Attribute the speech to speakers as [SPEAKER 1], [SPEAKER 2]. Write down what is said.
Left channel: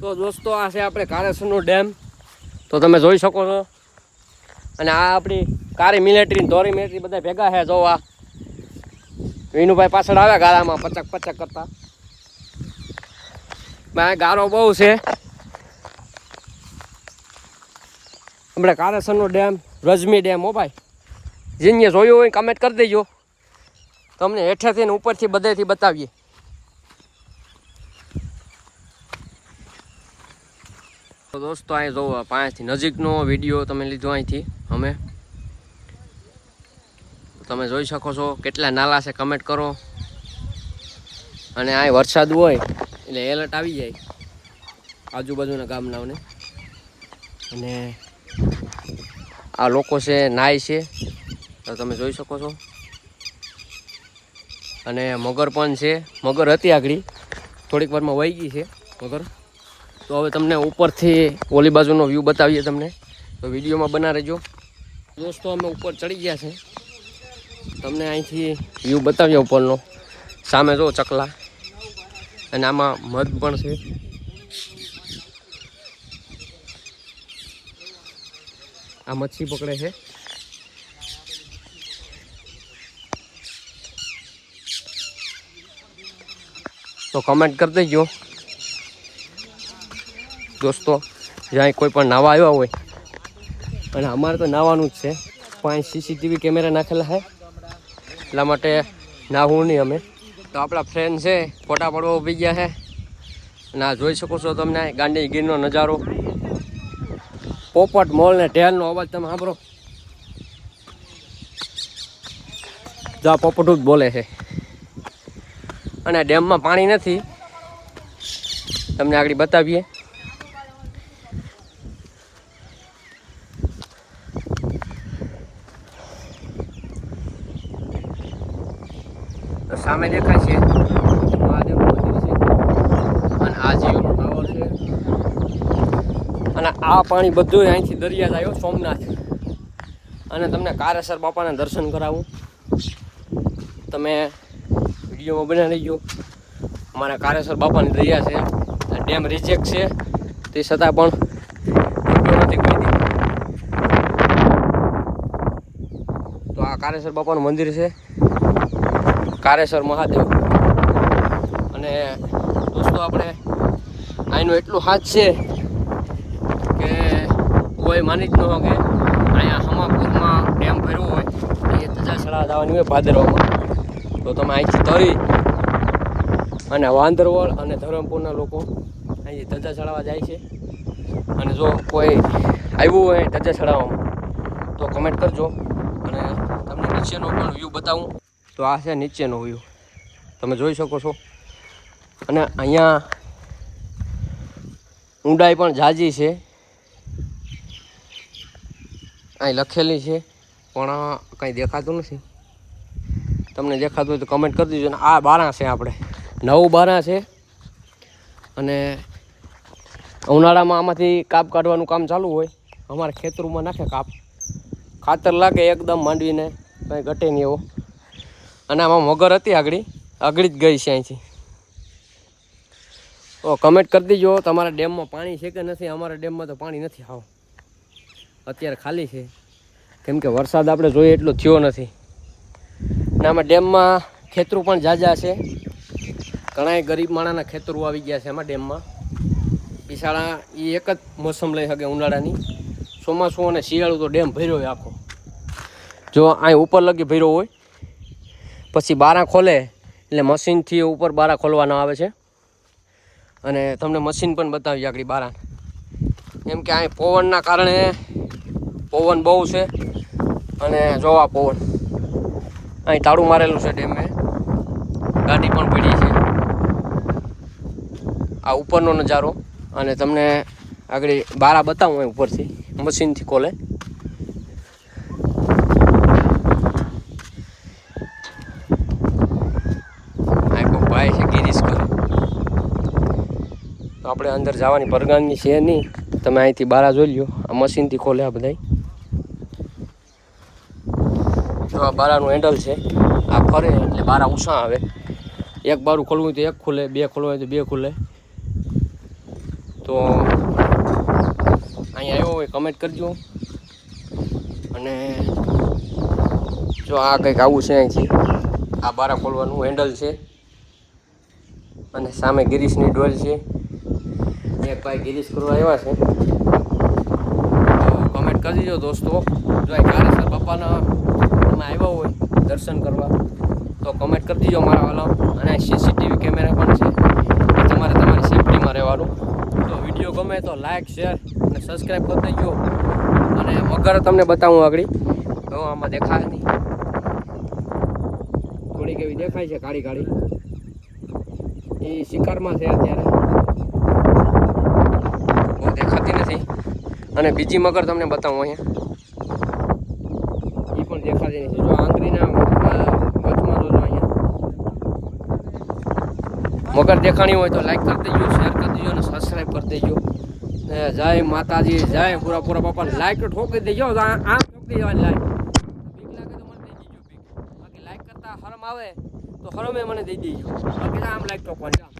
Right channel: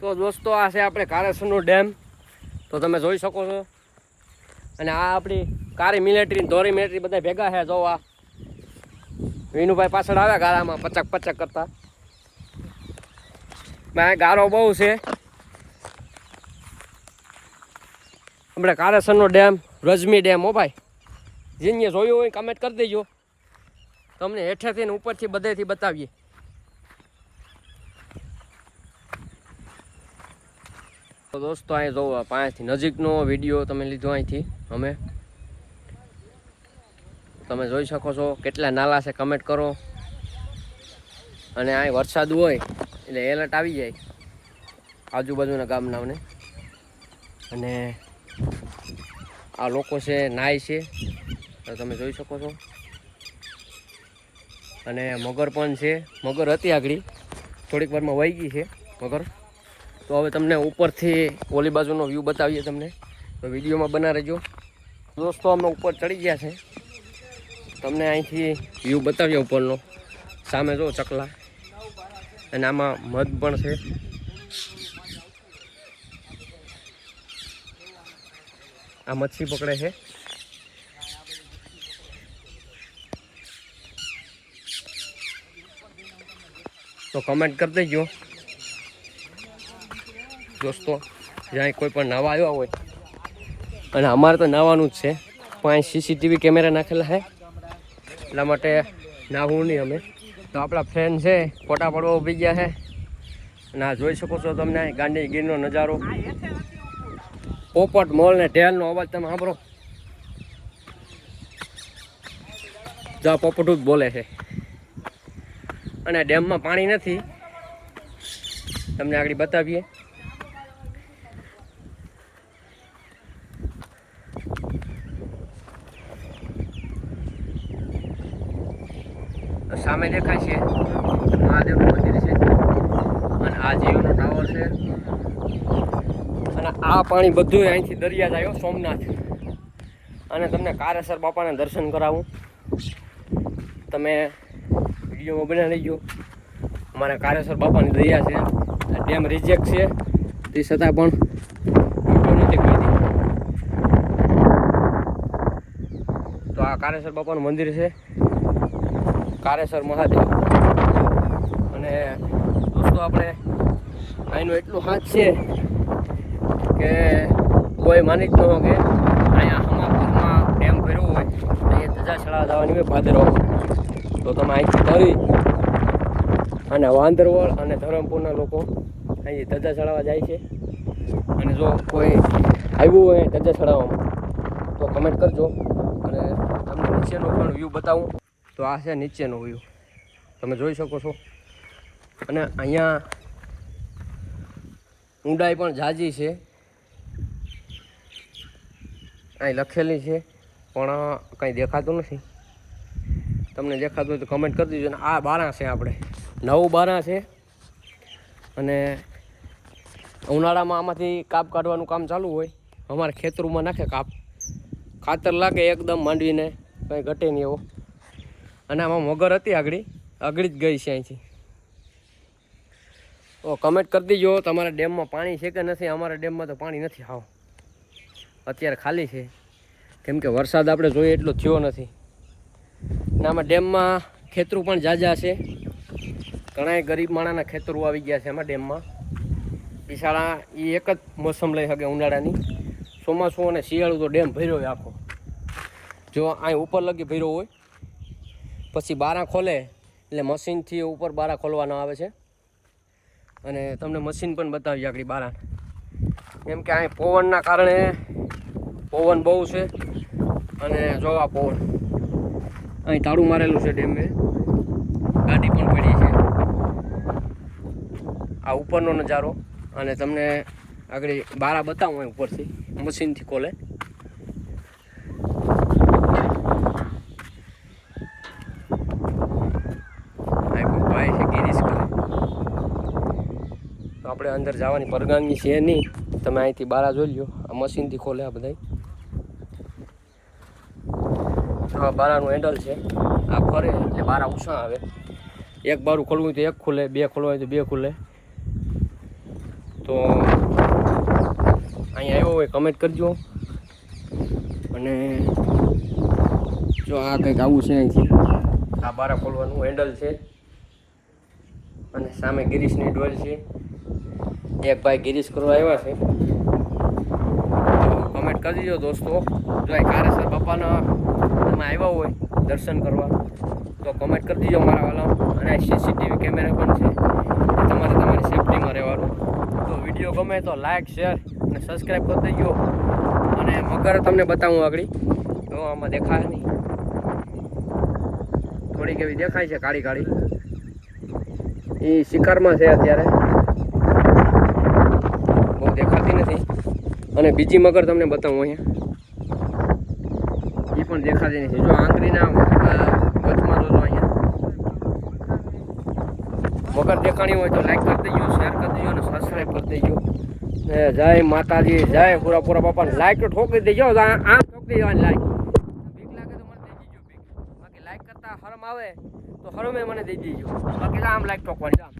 [SPEAKER 1] તો દોસ્તો, આ છે આપણે કારેસરનો ડેમ. તો તમે જોઈ શકો છો. અને આ આપણી કારી મિલિટરી ધોરી મિલિટરી બધા ભેગા છે, જોવા. વિનુભાઈ પાછળ આવ્યા ગાળામાં, પચક પચક કરતા. ભાઈ ગારો બહુ છે. આપણે કારેસરનો ડેમ, રજમી ડેમ, હો ભાઈ. જીને જોયું હોય કમેન્ટ કરી દેજો. તમને હેઠેથી ને ઉપરથી બધેથી બતાવીએ. તો દોસ્તો, અહીં જોવો, પાંચથી નજીકનો વીડિયો તમે લીધો અહીંથી, અમે. તમે જોઈ શકો છો કેટલા નાલા છે કમેન્ટ કરો. અને અહીં વરસાદ હોય, એટલે એલર્ટ આવી જાય, આજુબાજુના ગામનાઓને. અને આ લોકો છે, નાય છે, તો તમે જોઈ શકો છો. અને મગર પણ છે, મગર હતી આગળ, થોડીક વારમાં વહી ગઈ છે, મગર. તો હવે તમને ઉપરથી ઓલી બાજુનો વ્યૂ બતાવીએ તમને. તો વિડીયોમાં બના રહેજો. દોસ્તો, અમે ઉપર ચડી ગયા છે. તમને અહીંથી વ્યૂ બતાવીએ ઉપરનો. સામે જો ચકલા. અને આમાં મધ પણ છે. આ મચ્છી પકડે છે. તો કમેન્ટ કરી દેજો. દોસ્તો, જ્યાં કોઈ પણ નાવા આવ્યા હોય. અને અમારે તો નાવાનું જ છે. પાંચ સીસીટીવી કેમેરા નાખેલા છે. એટલા માટે નાહવું નહીં અમે. તો આપણા ફ્રેન્ડ છે, ફોટા પડવા ઊભી ગયા છે. અને આ જોઈ શકો છો તમને ગાંડી ગીરનો નજારો. પોપટ મોલ ને ઢેલનો અવાજ તમે સાંભળો. જા પોપટું જ બોલે છે. અને ડેમમાં પાણી નથી. તમને આગળ બતાવીએ. તો સામે દેખાય છે. મહાદેવનું મંદિર છે. અને આ જીઓનો ટાવર છે. અને આ પાણી બધું અહીંથી દરિયા જાય સોમનાથ. અને તમને કારેસર બાપાના દર્શન કરાવું. તમે વિડીયોમાં બનાવી લેજો. અમારા કારેસર બાપાની દરિયા છે. ડેમ રિચેક છે. તે છતાં પણ તો આ કારેસર બાપાનું મંદિર છે. કારેસર મહાદેવ. અને દોસ્તો આપણે અહીંનું એટલું હાથ છે કે કોઈ માની જ ન હોય કે અહીંયા હમાપુરમાં ડેમ ભર્યો હોય એ ધજા સળા જવાની હોય ભાદરવામાં. તો તમે અહીંથી ધરી અને વાંદરવળ અને ધરમપુરના લોકો અહીં ધજા ચડાવવા જાય છે. અને જો કોઈ આવ્યું હોય ધજા ચડાવવામાં તો કમેન્ટ કરજો. અને તમને નીચેનો પણ વ્યૂ બતાવું. તો આ છે નીચેનો વ્યૂ. તમે જોઈ શકો છો. અને અહીંયા ઊંડાઈ પણ જાજી છે. અહીં લખેલી છે, પણ કંઈ દેખાતું નથી. તમને દેખાતું હોય તો કમેન્ટ કરી દીજો. અને આ બારા છે આપણે. નવું બારા છે. અને ઉનાળામાં આમાંથી કાપ કાઢવાનું કામ ચાલુ હોય. અમારે ખેતરમાં નાખે કાપ. ખાતર લાગે એકદમ માંડવીને, કંઈ ઘટે નહીં એવો. અને આમાં મગર હતી આગળ. આગળ જ ગઈ છે અહીંથી. તો કમેન્ટ કરી દીજો. તમારા ડેમમાં પાણી છે કે નથી? અમારા ડેમમાં તો પાણી નથી. આવો અત્યારે ખાલી છે. કેમ કે વરસાદ આપણે જોઈએ એટલો થયો નથી. અને આમાં ડેમમાં ખેતરું પણ જાજા છે. ઘણાય ગરીબ માણાના ખેતરો આવી ગયા છે એમાં ડેમમાં. બિસાળા એ એક જ મોસમ લઈ શકે ઉનાળાની. ચોમાસું અને શિયાળું તો ડેમ ભર્યો હોય આખો. જો અહીં ઉપર લગી ભર્યો હોય પછી બારા ખોલે, એટલે મશીનથી ઉપર બારા ખોલવાના આવે છે. અને તમને મશીન પણ બતાવી આગળ બારા. એમ કે અહીં પવનના કારણે પવન બહુ છે. અને જોવા પવન. અહીં તાળું મારેલું છે ડેમે. ગાડી પણ પડી છે. આ ઉપરનો નજારો. અને તમને આગળ બારા બતાવું અહીં ઉપરથી. મશીનથી ખોલે આ કોક ભાઈ છે ગિરીશ કર તો આપણે અંદર જવાની પરગામની છે નહીં. તમે અહીંથી બારા જોઈ લ્યો. આ મશીનથી ખોલે આ બધાય. જો આ બારાનું હેન્ડલ છે. આ ફરે એટલે બારા ઉષા આવે. એક બારું ખોલવું તો એક ખુલે, બે ખોલવું હોય તો બે ખુલે. તો અહીંયા આવ્યો હોય કમેન્ટ કરજો. અને જો આ કંઈક આવું છે અહીંથી. આ બારા ખોલવાનું હેન્ડલ છે. અને સામે ગિરીશની ડોલ છે. એક ભાઈ ગિરીશ કરવા આવ્યા છે. તો કમેન્ટ કરી દીજો દોસ્તો. જો આ કારેસર બાપાના તમે આવ્યા હોય દર્શન કરવા, તો કમેન્ટ કરી દીજો મારા વાલાઓ. અને સીસીટીવી કેમેરા પણ છે. તમારે તમારી સેફટીમાં રહેવાનું. તો વીડિયો ગમે તો લાઇક શેર અને સબસ્ક્રાઈબ કરી દેજો. અને મગર તમને બતાવું આગળ. તો આમાં દેખાય નહીં. થોડીક એવી દેખાય છે કાળી કાળી. એ શિકારમાં છે અત્યારે. બહુ દેખાતી નથી. અને બીજી મગર તમને બતાવું અહીંયા. એ પણ દેખાતી નથી. જો આંગળીના વચમાં જોજો અહીંયા. મગર દેખાણી હોય તો લાઈક કરી દેજો શેર કરી દેજો અને સબસ્ક્રાઈબ કરી દેજો. જય માતાજી, જય પૂરા પૂરા બાપા. લાઈક તો ઠોકી દેજો આ ઠોકી દેવાની લાઈક બીક લાગે તો મને દેજો બીક. બાકી લાઈક કરતા હરમ આવે. તો હરમે મને દઈ દેજો. બાકી આમ લાઈક ટોકવાની